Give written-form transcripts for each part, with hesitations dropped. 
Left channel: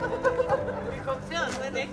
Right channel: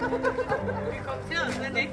Vi kommenterede slet ikke.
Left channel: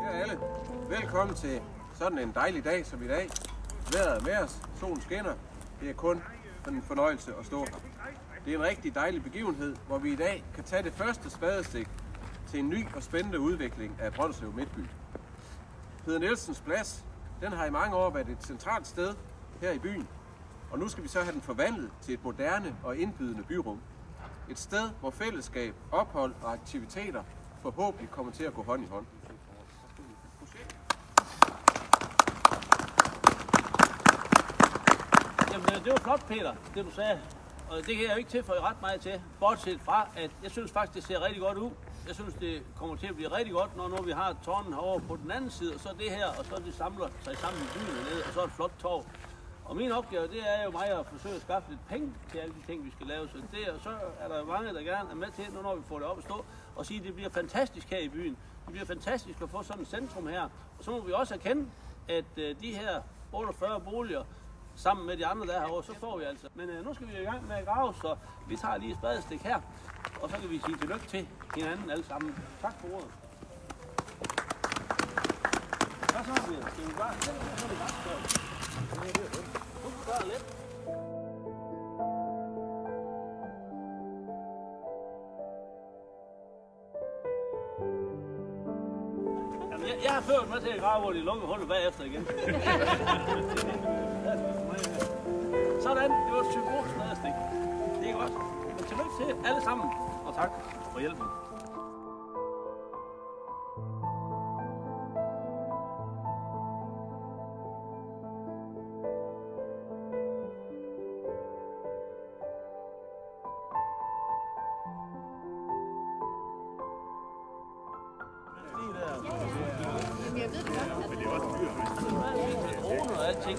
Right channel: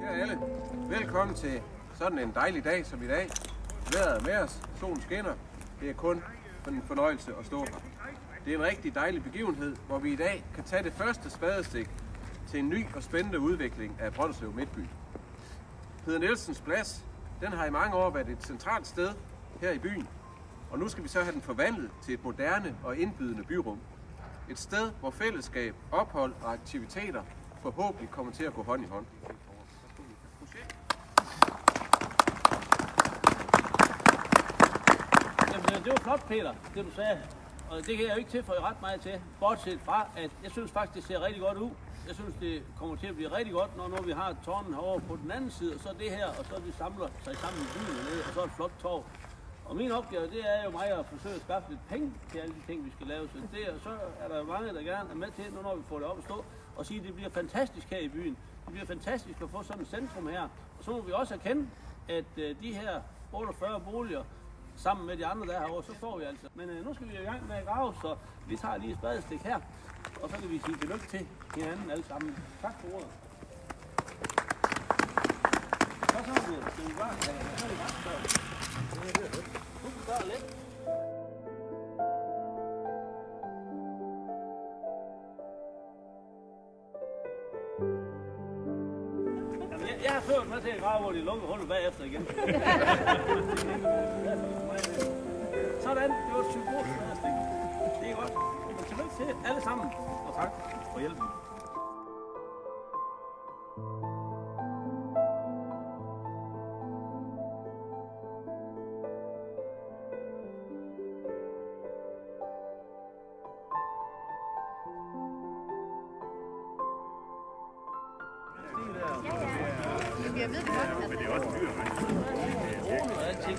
Kære alle, velkommen til sådan en dejlig dag som i dag. Vejret er med os, solen skinner. Det er kun en fornøjelse at stå her. Det er en rigtig dejlig begivenhed, hvor vi i dag kan tage det første spadestik til en ny og spændende udvikling af Brønderslev Midtby. Peder Nielsens Plads, den har i mange år været et centralt sted her i byen, og nu skal vi så have den forvandlet til et moderne og indbydende byrum. Et sted, hvor fællesskab, ophold og aktiviteter forhåbentlig kommer til at gå hånd i hånd. Jamen, det var flot, Peter, det du sagde. Og det kan jeg jo ikke tilføje ret meget til, bortset fra, at jeg synes faktisk, det ser rigtig godt ud. Jeg synes, det kommer til at blive rigtig godt, når vi har tårnen herovre på den anden side, og så det her, og så det samler sig sammen i byen ned, og så et flot torv. Og min opgave, det er jo mig at forsøge at skaffe lidt penge til alle de ting, vi skal lave. Så er der jo mange, der gerne er med til, når vi får det op at stå, og sige, at det bliver fantastisk her i byen. Det bliver fantastisk at få sådan et centrum her. Og så må vi også erkende, at de her 48 boliger, sammen med de andre der herovre, så får vi altså. Men nu skal vi i gang med at grave, så vi tager lige et spadestik her, og så kan vi sige tillykke til hinanden alle sammen. Tak for ordet. Hvad så, Peter? Skal vi bare sætte det, så er det ret større. Nu kan vi gøre lidt. Jamen, jeg har ført med til at grave, hvor de lukker hullet bagefter igen. Sådan, det var et symbolisk spadestik. Det er godt. Men tillykke til alle sammen, og tak for hjælpen. Jeg ved det godt. Men det er også dyr, ikke? Droner og alting.